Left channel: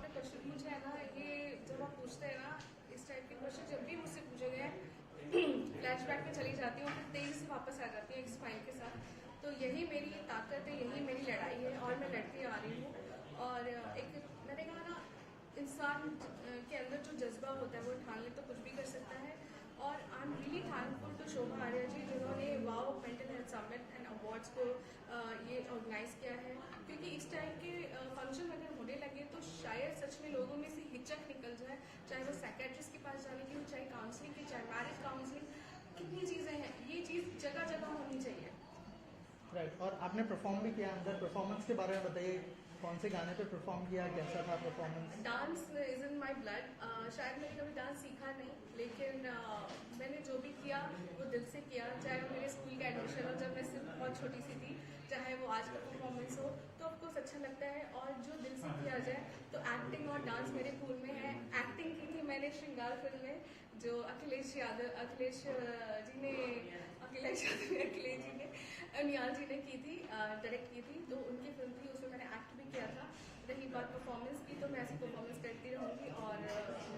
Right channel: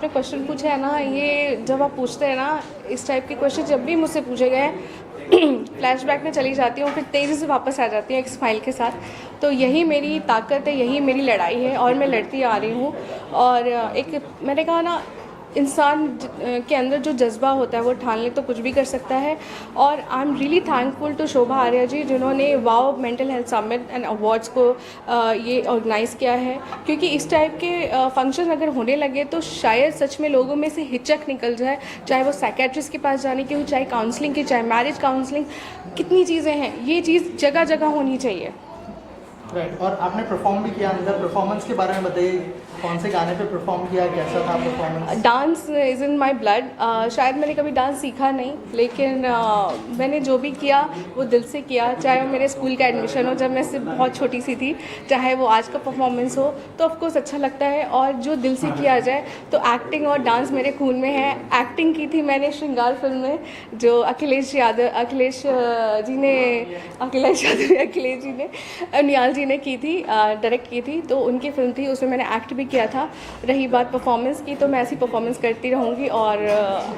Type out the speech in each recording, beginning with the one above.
आपने क्वेश्चन पूछा है ना, ये जब आप पूछते हैं ना इस टाइप के क्वेश्चन, जब भी मुझसे पूछे गए फ्लैशबैक में चली जाती हूँ, फिर तेज़ी से वापस आ जाती हूँ एक स्माइल के साथ। तो यही मेरी ताकत है, यही मेरी लड़ाई है और मैं लड़ती आ रही हूँ। और एक मैंने कहा ना, इंसान के अंदर जो जज्बा होता है वो ठान ले तो कुछ भी कर सकता है। और I am really thankful to Shobha Arya ji, जिन्होंने wow mental health summit and awards को ये ऑर्गेनाइज़ किया है। क्योंकि इस टाइप के फंक्शन अगर होने लगे तो शायद सच में लोगों में से हिचक निकल जाए, चाहे वो साइकेट्रिस्ट के पास जाने की हो, चाहे काउंसलिंग की, चाहे मैरिज काउंसलिंग, कितनी चीज़ें हैं, ये चीज़ जगह जगह होनी चाहिए। राइट। और आपने परफॉर्म भी किया अंदर, परफॉर्मेंस के बारे में बताइए, कौन से गाने पे परफॉर्म किया, कैसा था performance? Dance is in my blood. शायद मैंने कभी डांस सीखा नहीं, लेकिन मैंने जो भी किया वो दिल से किया। चाहे वो मेरे स्कूल का एडमिशन हो जब मैं सिर्फ बहुत छोटी सी थी, चाहे वो आज का परफॉर्मेंस हो, तो ऑफकोर्स अच्छा लगता है। और जो दिल से किया जाए तो एक्टिंग और डांस मेरे खून में है। एक्टिंग की थी मैंने श्रृंगार फिल्म में, जो अखिलेश जी ने निहाल जी ने की थी, डायरेक्ट की थी, तो उनकी फिल्म थी, उसमें मैंने एक्ट भी किया था। रही बात परफॉर्मेंस की, तो मैं ऐसी परफॉर्मेंस करती रहूँगी और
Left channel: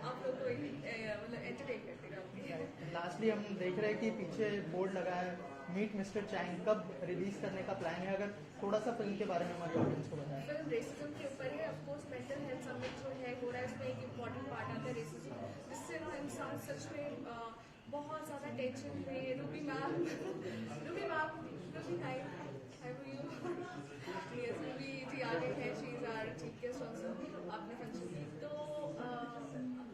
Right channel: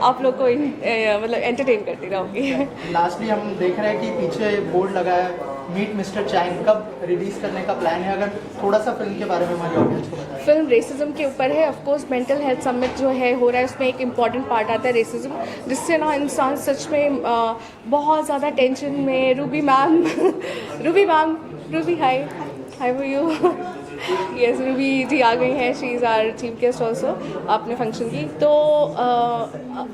आप लोग को मतलब एंटरटेन करती रहूँगी। लास्टली हम देख रहे हैं कि पीछे बोर्ड लगा है मीट मिस्टर चाइन, कब रिलीज करने का प्लान है? अगर थोड़ा सा फिल्म के बारे में हमारी ऑडियंस को बताएं। फिल्म रेसिज्म के ऊपर है। Of course mental health summit जो है हो रहा है, उसमें एक इम्पॉर्टेंट पार्ट आता है रेसिज्म, जिससे ना इंसान सच में बहुत ज़्यादा टेंशन में। Ruby hi for you. Yes, Ruby ji आ गई हैं, she is our chief guest also अपने फंक्शन की। तो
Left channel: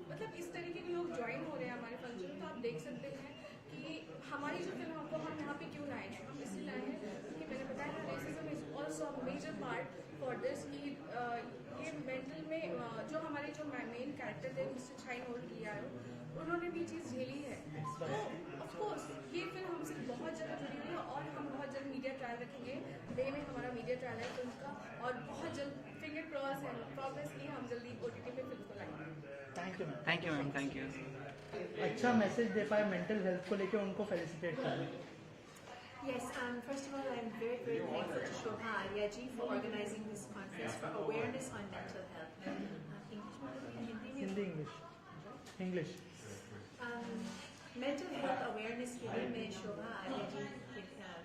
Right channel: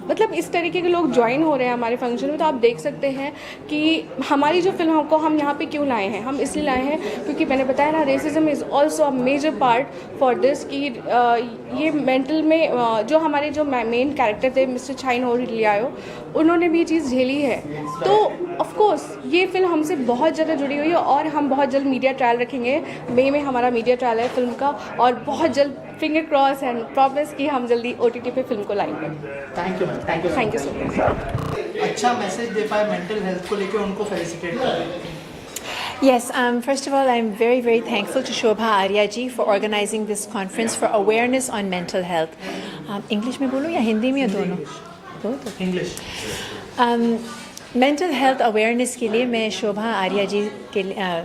मतलब इस तरीके के लोग ज्वाइन हो रहे हैं हमारे फंक्शन में, तो आप देख सकते हैं कि हमारी जो फिल्म को हम यहाँ पे क्यों लाए हैं। हम इसलिए लाए हैं क्योंकि मैंने बताया ना, racism is also a major part for this, कि ये मेंटल में जो हमारे जो मेन कैरेक्टर थे मिस्टर चाइन और लियाओ, उन्होंने भी ये चीज़ झेली है। तो ऑफ कोर्स ये फिल्म हमसे बहुत ज़्यादा जुड़ी हुई है और हम बहुत जल्द मीडिया ट्रायल रखेंगे। मई में हमारा मीडिया ट्रायल है फिल्म का, और बहुत जल्द फिंगर क्रॉस एंड प्रॉमिस कि हम जल्दी OTT पे फिल्म को लाएंगे। Thank you ma'am, thank you so much. अच्छा मैसेज दे पाए मेंटल हेल्थ को लेकर, उनको फेलिसिटेट करें। Yes, first of all, I'm very, very thankful to Shobha Arya ji for organizing this conference for awareness on mental health. English में बोलूँ या हिंदी में, या दोनों? इंग्लिश। मेंटल हेल्थ अवेयरनेस के लिए मैं शोभा आर्या जी के लिए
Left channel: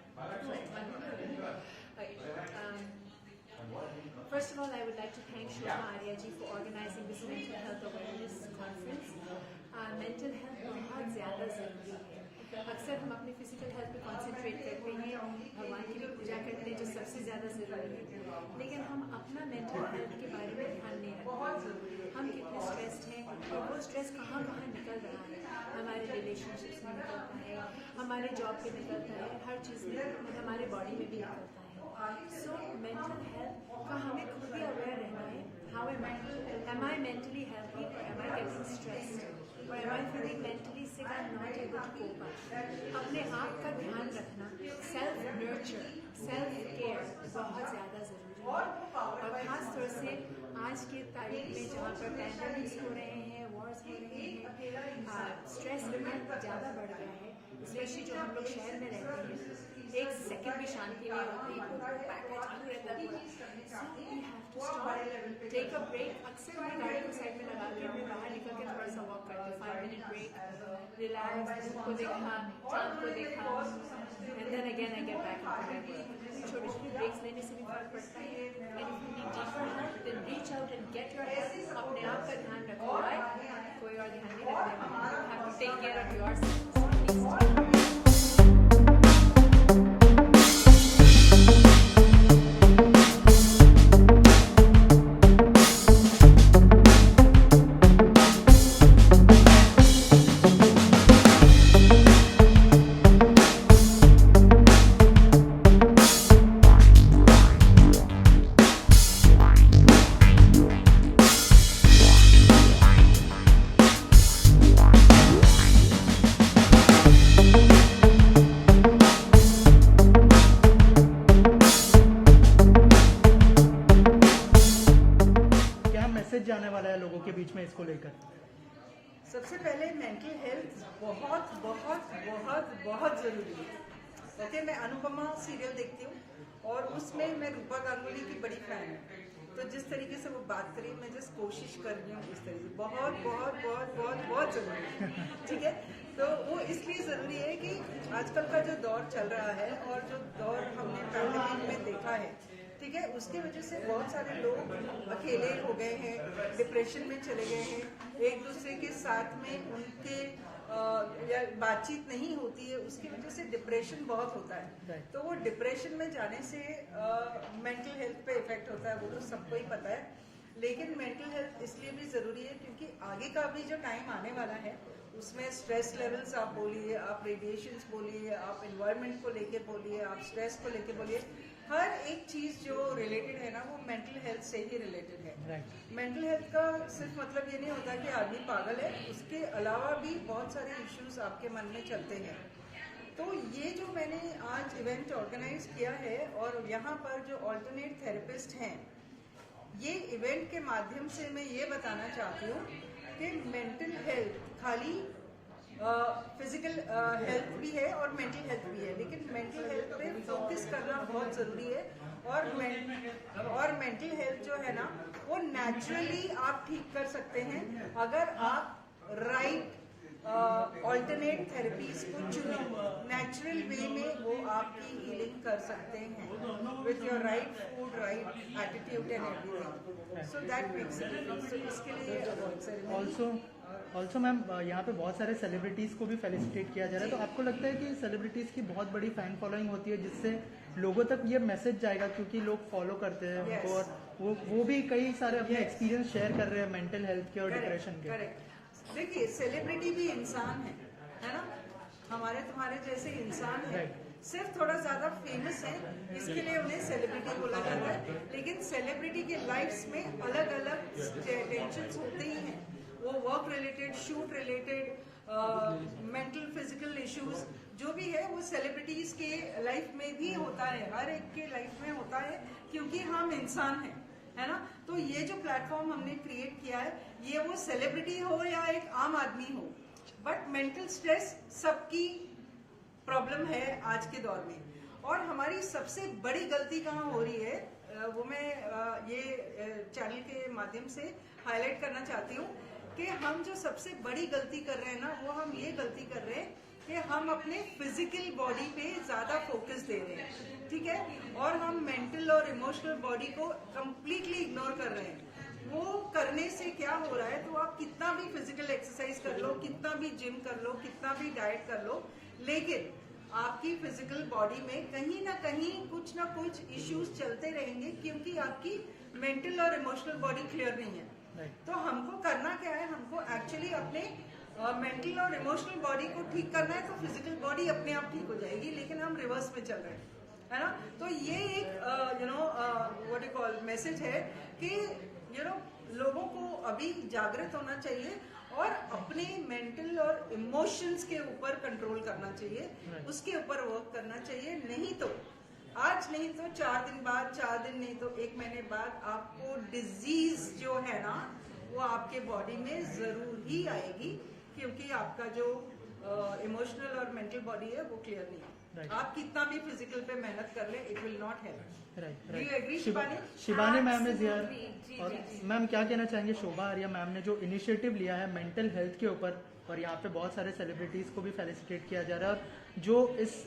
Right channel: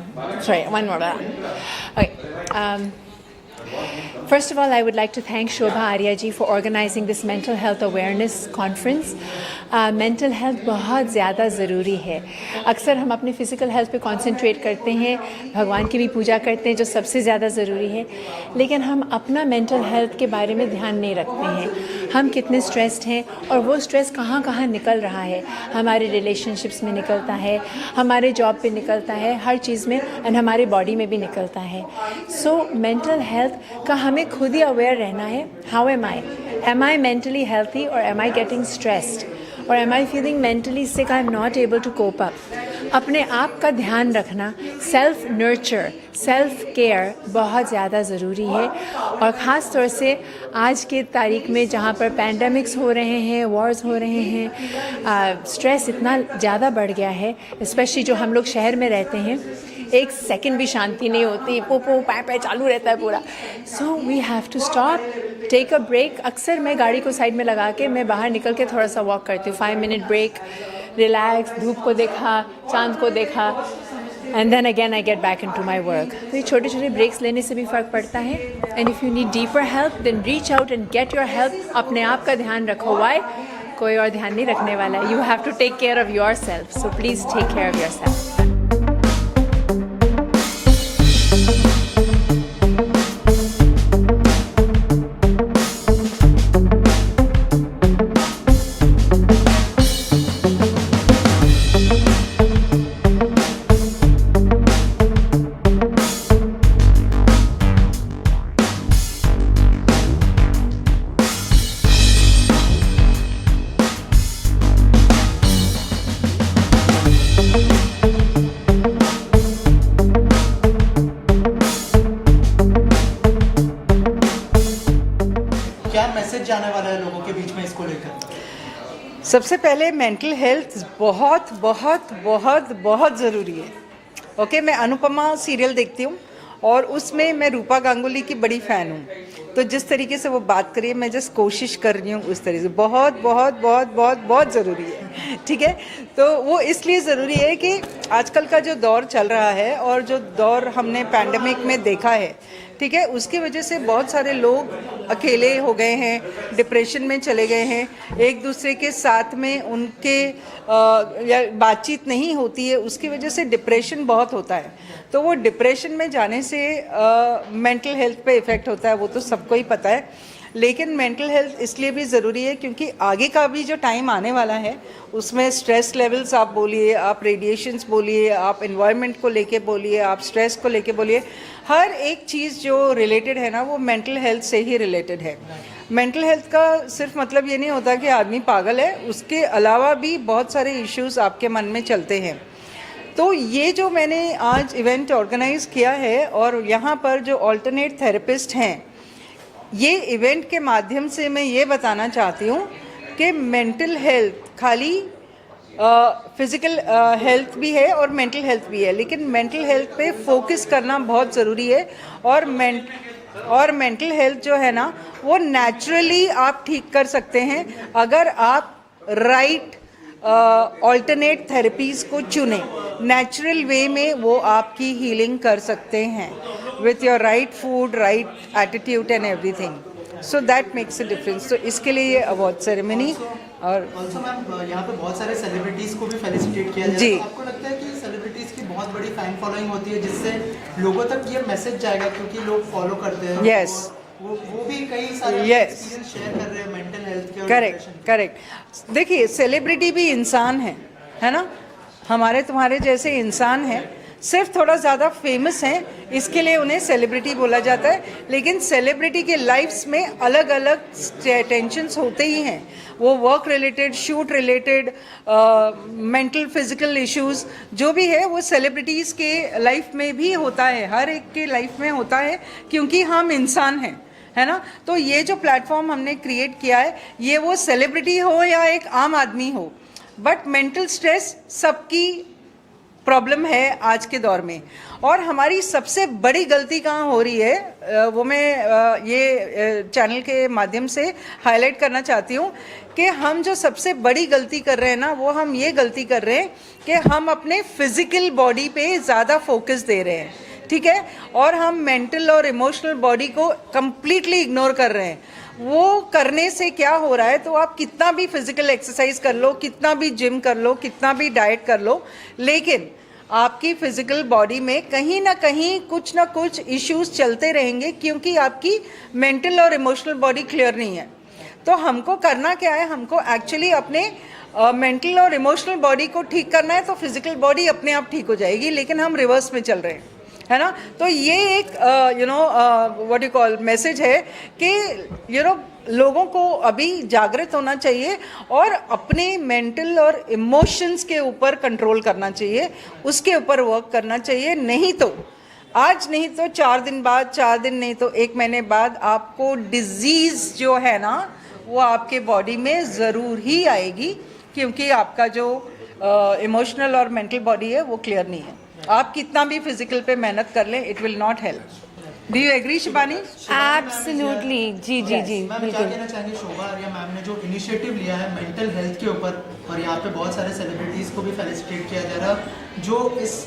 First of all, I would like to thank Shobha Arya ji for organizing this mental health awareness conference. Mental health बहुत ज़्यादा ज़रूरी है। अक्सर हम अपने फ़िज़िकल हेल्थ पे कंसंट्रेट करते हैं, भगवान की भी पूजा करते हैं जो सबसे ज़्यादा ज़रूरी है, लेकिन हम अपना मेंटल हेल्थ के बारे में ध्यान नहीं रखते हैं। हम कितने स्ट्रेस्ड हैं और वो स्ट्रेस कहाँ कहाँ निकल रहा है। हमारे रिलेशनशिप्स में निकलता है, हमारे जॉब पे निकलता है, हर चीज़ में, एंड हमारे बॉडी में भी निकलता है। सो मेंटल हेल्थ का हमें खुद ही अवेयर रहना है। How am I mentally healthy, और एम आई गेटिंग स्ट्रेस्ड, और am I feeling mentally sick, I am not able to cope up. अपने आप का ध्यान रखना, सेल्फ नर्चर, सेल्फ केयर बहुत ज़्यादा ज़रूरी है। और ख़ास तौर से आज के तारीख में जहाँ पर पैंडमिक्स हो रहे हैं, वॉर्स हो रहे हैं, स्ट्रेस इतना ज़्यादा बढ़ गया है, स्पेशली जो हम लोग शहर में रहते हैं, एक सेकंड भी शांति नहीं होती, पो पै चालू रहता है पूरा। So we have to stop, take a break. अक्सर मैं गाड़ी को साइड में लगा के मैं बाहर निकल के थोड़ा सा वॉक करती हूँ, 5 मिनट ब्रेक, रिलैक्स, धूप को देखा, चांद को देखा, and then again I get back into my work. तो ये छोटे छोटे ब्रेक्स लेने से भी फ़र्क पड़ता है। And if you need deeper help then reach out and get your help. अपने आप का ध्यान रखो। वाई? कोई और ध्यान नहीं रखने वाला है। You have to take care of yourself, so please take care of yourself. जाने वाला है लोगों के बीच में इसको लेकर? सबसे पहले मेंटल हेल्थ बहुत बहुत बहुत बहुत ज़रूरी है। ओके, मैं अनुपमा सीरियल देखती हूँ और उसमें मैं रूपा गांगुली की बड़ी फ़ैन हूँ। तो जिस तरीके से वो बात करी है, मैं जस्ट कोशिश कर रही हूँ उस तरीके से। बहुत बहुत बहुत बहुत बहुत ज़रूरी है, ठीक है। तो वो इसलिए ज़रूरी है कि आजकल का जो दौर चल रहा है और जो दौर हमने पैंडेमिक में देखा है, ठीक है, उसकी वजह से बहुत सारे लोग अकेले हो गए हैं, डिप्रेशन में चले गए हैं, एक दूसरे के साथ में उनके या बातचीत नहीं होती है, उसकी वजह से डिप्रेशन बहुत होता है। तो वो डिप्रेशन में जाने से मेंटल हेल्थ पे इफ़ेक्ट होता है, वो तो सबको ही पता है। लेकिन मेंटल हेल्थ इसलिए भी ज़रूरी है क्योंकि आगे का भी जो टाइम आने वाला है उसमें स्ट्रेस लेवल्स आप बोलिए, आप रेडिएशंस बोलिए, आप एनवायरनमेंट को लेके बोलिए, आप स्ट्रेस को लेके बोलिए, हर एक चीज़ जो रिलेटेड है ना वो मेंटल हेल्थ से ही रिलेटेड है। मेंटल हेल्थ का सिर्फ मतलब ये नहीं होता कि आदमी पागल है, उसके अलावा भी बहुत सारे इश्यूज आपके मन में चलते हैं। तो ये जो मैंने आज इवेंट ऑर्गेनाइज किया है और यहाँ पर जो अल्टरनेट थेरेपिस्ट हैं, ये इवेंट के माध्यम से मैं ये बताना चाहती हूँ कि मेंटल हेल्थ खाली फिज़िकल हेल्थ भी है और मेंटल हेल्थ भी है, लेकिन मेंटल हेल्थ पे फोकस करना बहुत ज़रूरी है। और मेंटल हेल्थ जो है ना वो नेचुरली आप ठीक कर सकते हैं अगर आप राइट ऑल्टरनेट थेरेपीज़ को चुने। नेचुरल वे में वो आपकी हीलिंग कर सकते हैं with your right food, right attitude and everything. So that makes a difference. तो इसके लिए ये अवार्ड सेरेमनी और ऑल्सो मैम यहाँ पे बहुत सारे सेलिब्रिटीज़ को भी फेलिसिटेट किया जाए। जी। तो आपको लगता है कि सेलिब्रिटीज़ की बहुत बड़ी फैन फॉलोइंग होती है जिससे लोगों तक ये मैसेज जाएगा क्योंकि लोग फॉलो करते हैं? Yes. और वो भी कई सारे Yes. एक्सपीरियंस शेयर कर रहे हैं मेंटल हेल्थ के और करेक्ट depression के। करेक्ट। देखिए, सेलिब्रिटी भी इंसान है ना, हमारे तुम्हारे जैसे इंसान हैं, सिर्फ थोड़ा ज़्यादा फेमस हैं इसके लिए उन्हें सेलिब्रिटी बोला जाता है। लेकिन सेलिब्रिटी के लाइफ्स में अलग अलग टेंशन्स होते ही हैं, वो work related, shoot related, mental physical issues जो भी है वो सेलिब्रिटीज़ के लाइफ में भी होता है, हर एक के लाइफ में होता है क्योंकि हम इंसान हैं, है ना। तो ये जो प्लेटफॉर्म हमने क्रिएट किया है, ये वो सेलिब्रिटी हो या एक आम आदमी हो, बट मेंटल स्ट्रेस सबकी प्रॉब्लम है आज के दौर में। और हमारी सबसे बड़ी गलती कहाँ हो रही है वो मैं ये चैनल के माध्यम से हाईलाइट करना चाहती हूँ कि हम जो सबसे बड़ी गलती कर रहे हैं ना, वो हम ये गलती कर रहे हैं कि हम अपने फिजिकल बॉडी पे ज़्यादा फोकस दे रहे हैं, ठीक है, और हम मेंटल और इमोशनल बॉडी को कंप्लीटली इग्नोर कर रहे हैं। वो करने से क्या हो रहा है, तो आप कितना भी फिजिकल एक्सरसाइज कर लो, कितना भी जिम कर लो, कितना भी डाइट कर लो, लेकिन आपकी फिजिकल बॉडी में कहीं ना कुछ इश्यूज चलते रहेंगे क्योंकि आपकी मेंटल और इमोशनल बॉडी क्लियर नहीं है। तो हमको करना क्या है, हमको एक्चुअली अपने मेंटल और इमोशनल बॉडी को ठीक करना है, तो फिजिकल बॉडी अपने आप ठीक हो जाएगी, लेकिन हम रिवर्स में चल रहे हैं, है ना। तो ये एक व्हाट यू कॉल मैसेज है कि लोगों को अभी जागृत होना चाहिए और अपने मेंटल और इमोशंस के ऊपर कंट्रोल करना चाहिए, उसके ऊपर वर्क करना चाहिए। नहीं तो आज नहीं तो 4 दिन बाद, 4 दिन नहीं तो 1 महीने बाद आपको डिजीज़ जो है ना वो आपके बॉडी में ज़रूर ही आएगी, क्योंकि आपका जो इमोशनल और मेंटल बॉडी है वो क्लियर नहीं है। आप कितना भी फिजिकल पे मेहनत कर लें, it will not help. Do you agree Shibani? Absolutely, जी जी जी मैम क्या बिल्कुल। कहना चाहेंगे शोभा आर्या मैम ने जो इनिशिएटिव लिया है मेंटल हेल्थ के ऊपर, और यहाँ पे बहुत सारे सेलिब्रिटीज़ को भी फेलिसिटेट किया जा रहा है जो इस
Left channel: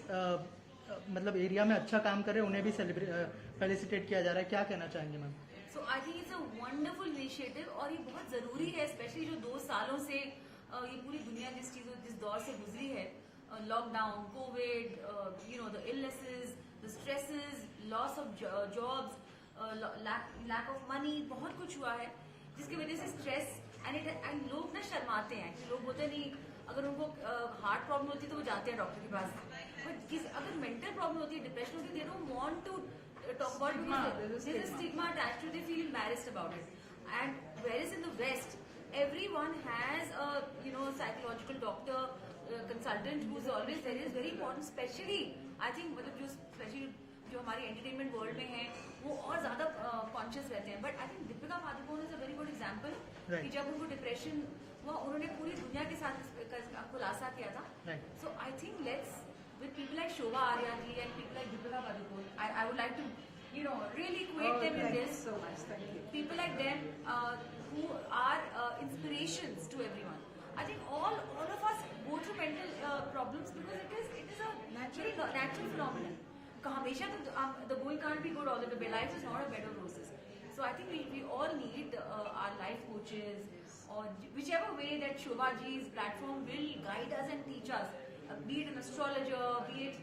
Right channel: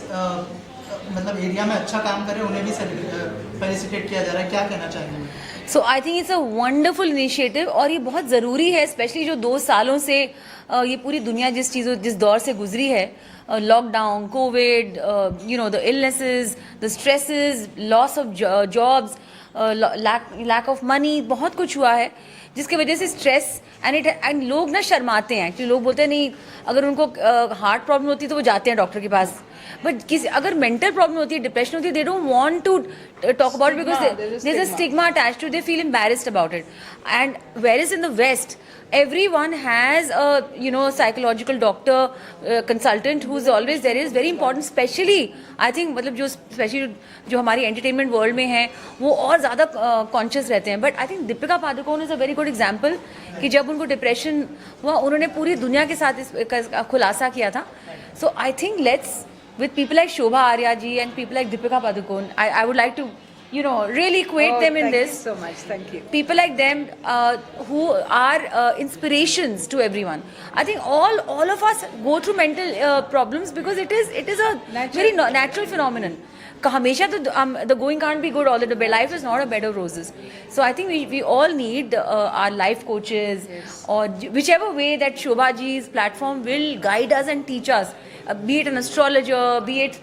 मतलब एरिया में अच्छा काम कर रहे हैं, उन्हें भी फेलिसिटेट किया जा रहा है, क्या कहना चाहेंगे? So I think it's a wonderful initiative और ये बहुत ज़रूरी है, स्पेशली जो 2 सालों से ये पूरी दुनिया जिस दौर से गुजरी है, lockdown, covid, the illnesses, the stresses, loss of jobs, lack of money, बहुत कुछ हुआ है जिसकी वजह से स्ट्रेस एंड लोग ना शर्माते हैं एक्चुअली। लोग बोलते हैं नहीं, अगर उनको हार्ट प्रॉब्लम होती है तो वो जाते हैं डॉक्टर के पास, बट अगर मेंटल प्रॉब्लम होती है, डिप्रेशन होती है, they don't want to talk about it because there's a stigma attached to it. They feel embarrassed about it. And whereas in the West, everyone has a psychological doctor, consultant who's always there. Is very important, especially I think मतलब जो specially जो हमारी entertainment world में हैं वो और ज़्यादा conscious रहते हैं। But I think Deepika Padukone is a very good example कि जब उनको डिप्रेशन हुआ उन्होंने पूरी दुनिया के साथ इसका खुलासा किया था। So I think let's with people like Shobha Arya ji and people like Deepika Padukone, I would like to, you know, really equate them in thank this. you so much, thank you. People like them who are inspirations to everyone. I think all of us go through mental problems because it is a very natural phenomenon. हमेशा तो the going can't be good all the time. Life is not a bed of roses. So I think we all need our life coaches, or whichever way that Shobha ji's platform will guide us and teach us, be it an astrologer, be it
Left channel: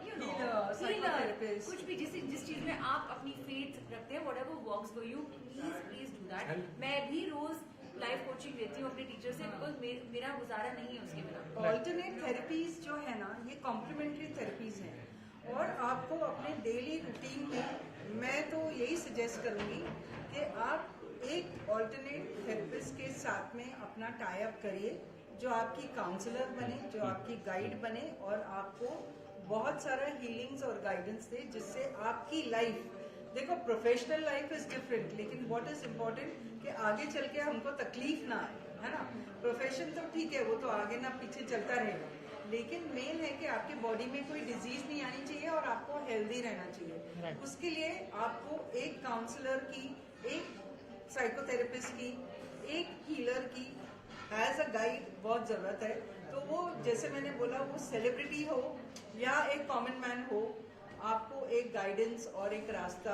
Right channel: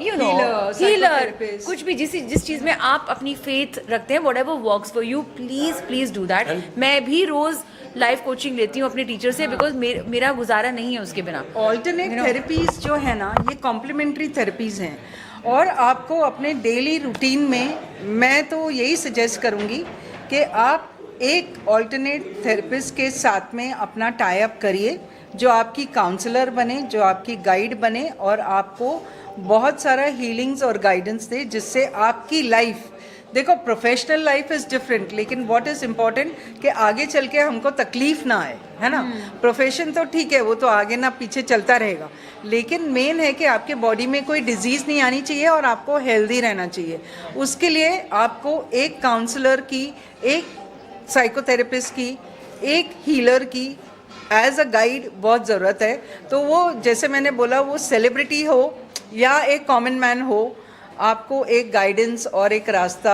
you know, healer, psychotherapist. कुछ भी जिस चीज़ में आप अपनी faith रखते हैं, whatever works for you, please do that. मैं भी रोज लाइफ कोचिंग लेती हूँ अपने टीचर से, बिकॉज मेरा गुजारा नहीं है उसके बिना. ऑल्टरनेट थेरेपीज जो है ना, ये कॉम्प्लीमेंट्री थेरेपीज हैं, और आपको अपने डेली रूटीन में मैं तो यही सजेस्ट करूँगी कि आप एक ऑल्टरनेट थेरेपिस्ट के साथ में अपना टाई अप करिए, जो आपकी काउंसलर बने, जो आपकी गाइड बने, और आपको बहुत सारा हीलिंग्स और गाइडेंस दे, जिससे आपकी लाइफ, देखो प्रोफेशनल लाइफ इज़ डिफरेंट, लेकिन व्हाट इज़ इम्पोर्टेंट कि आगे चल के हमको तकलीफ ना आए, है ना. प्रोफेशन तो ठीक है, वो तो आगे ना पीछे चलता रहेगा, लेकिन मेन है कि आपके बॉडी में कोई डिजीज़ नहीं आनी चाहिए और आपको हेल्दी रहना चाहिए. उसके लिए आपको एक काउंसलर की, एक साइकोथेरेपिस्ट की, एक हीलर की एज अ गाइड बहुत ज़रूरत है. तो वो जैसे मैंने बोला, वो सेलिब्रिटी हो या एक कॉमन मैन हो, आपको एक गाइडेंस और एक रास्ता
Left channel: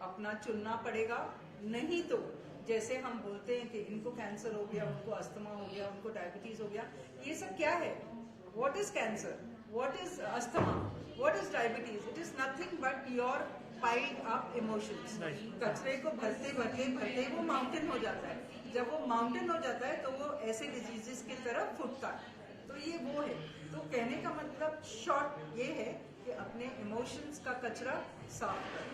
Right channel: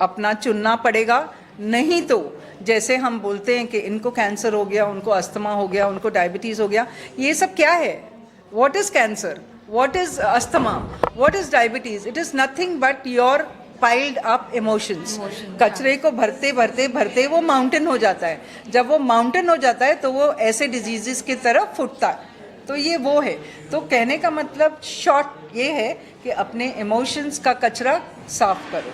अपना चुनना पड़ेगा. नहीं तो जैसे हम बोलते हैं कि इनको कैंसर हो गया, उनको अस्थमा हो गया, उनको डायबिटीज़ हो गया, ये सब क्या है? What is cancer? What is asthma? What is diabetes? It is nothing but your piled up emotions. कचरे को भरते भरते भरते वो माउंटेन हो जाता है. जब वो माउंटेन हो जाता है तो वो ऐसे डिजीज़ की तरफ फुटता है. तो ये वो है. तो कहने का मतलब शॉर्ट ये है कि अपने इमोशंस का कचरा साफ करो,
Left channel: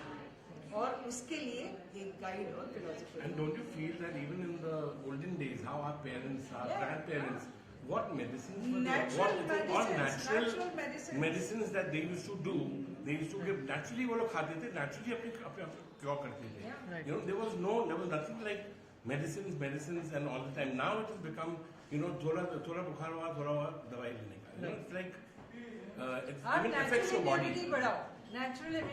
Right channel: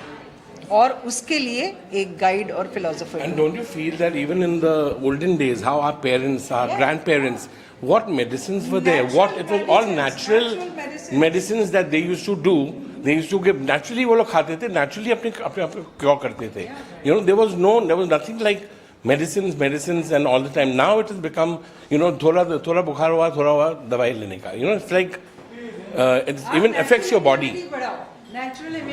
और उसके लिए एक गाइड और philosopher. And don't you feel that even in the olden days, how our parents, our grandparents, what medicines were there? What it was all natural medicines that they used to do. They used to give naturally. वो लोग खाते थे naturally, अपने क्यों करते थे? You know, there was nothing like medicines and all the time. Now it has become, you know, थोड़ा बुखार हुआ, थोड़ा हुआ, दवाई लेने का. You know, it's like it even affects your body.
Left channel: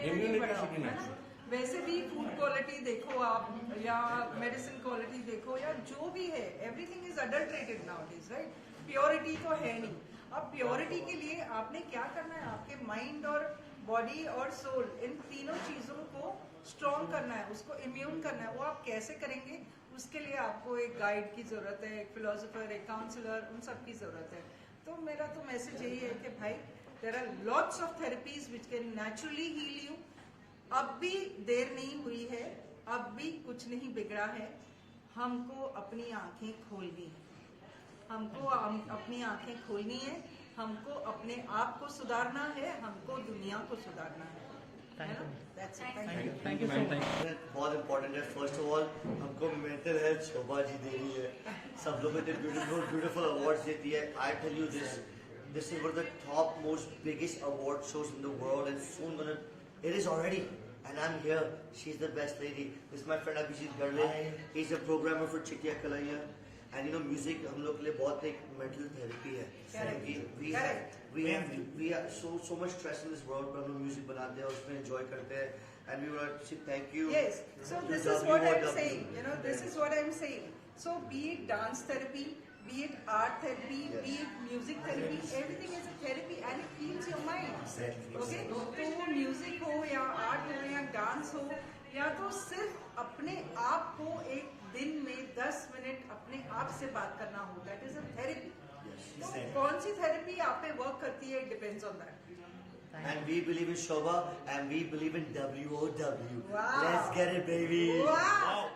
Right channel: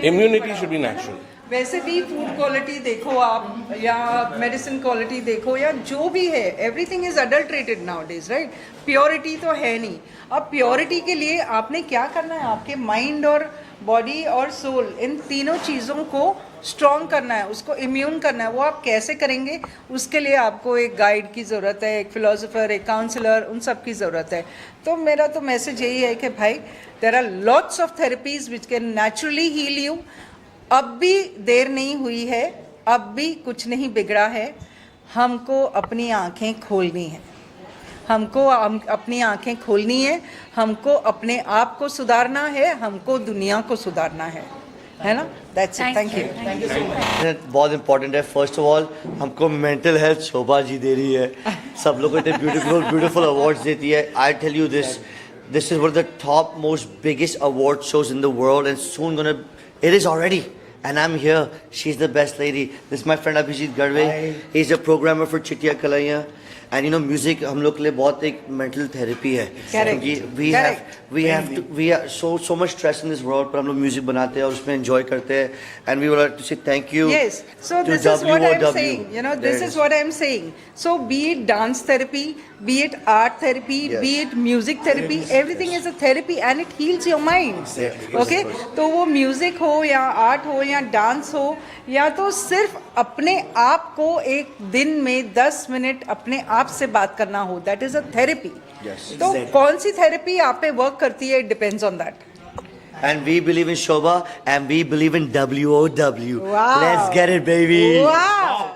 Immunity should be natural. वैसे भी फूड क्वालिटी देखो आप, या मेडिसिन क्वालिटी देखो, या जो भी है, everything is adulterated nowadays, right. Purity तो है नहीं. अब प्योरिटी के लिए आपने क्या करना है? आपके माइंड और बॉडी और सोल, इन तीनों चीज़ों को स्ट्रॉन्ग करना है, उसको इम्यून करना है. वो आप कैसे करेंगे? उसके लिए आपको एक गाइड की ज़रूरत है, एक फिलोसोफर, एक काउंसलर, उन सब की ज़रूरत है. तो मेरा तो मैसेज यही है कि भाई, there are lots of therapies which can naturally heal you. अब भी देर नहीं हुई है, अब भी कुछ नहीं बिगड़ा है. हमको अपनी आंखें खोलनी है, हमको अपनी आंखें खोलनी है, हमको अपने आप को सुधारना है, हमको दुनिया को सुधारना है ना. That's it. Thank you. बहुत इम्पोर्टेंट है. फर्स्ट ऑफ ऑल हमको मेंटल हेल्थ शोभा जी दे रही है, सब लोग को इतने ब्यूटीफुल अवार्ड्स देती है. I tell you this is one of the top most biggest award shows in the world, and soon gonna it is already. And I'm here. She's the best lady. This is my friend Abhijit Garve. He's a programmer for Chittiya Kalaiyan. And you know, music हम लोग के लिए बहुत एक mental therapy है. Correct. We have so much stress in this world, पर हम लोग music बनाते हैं और उसमें enjoy करते हैं. And we would like to say thank you. Yes. So to this is what I'm WOW. saying. You know, There this it is what I'm saying. So be it dance therapy, be it art therapy, Yes. be it music therapy, everything is a therapy and it heals your mind. Okay? तो वो music हो या art हो या dance हो, या तो सिर्फ अपने आप को एक दिन में 10 मिनट अपने आप से बात करना हो, that is a therapy. Yes. तो कौन सी थेरेपी आप पे वर्क करती है, it depends on that. And we believe in Shobha, and we believe in WOW. Wow. Let's get it, baby. Wow.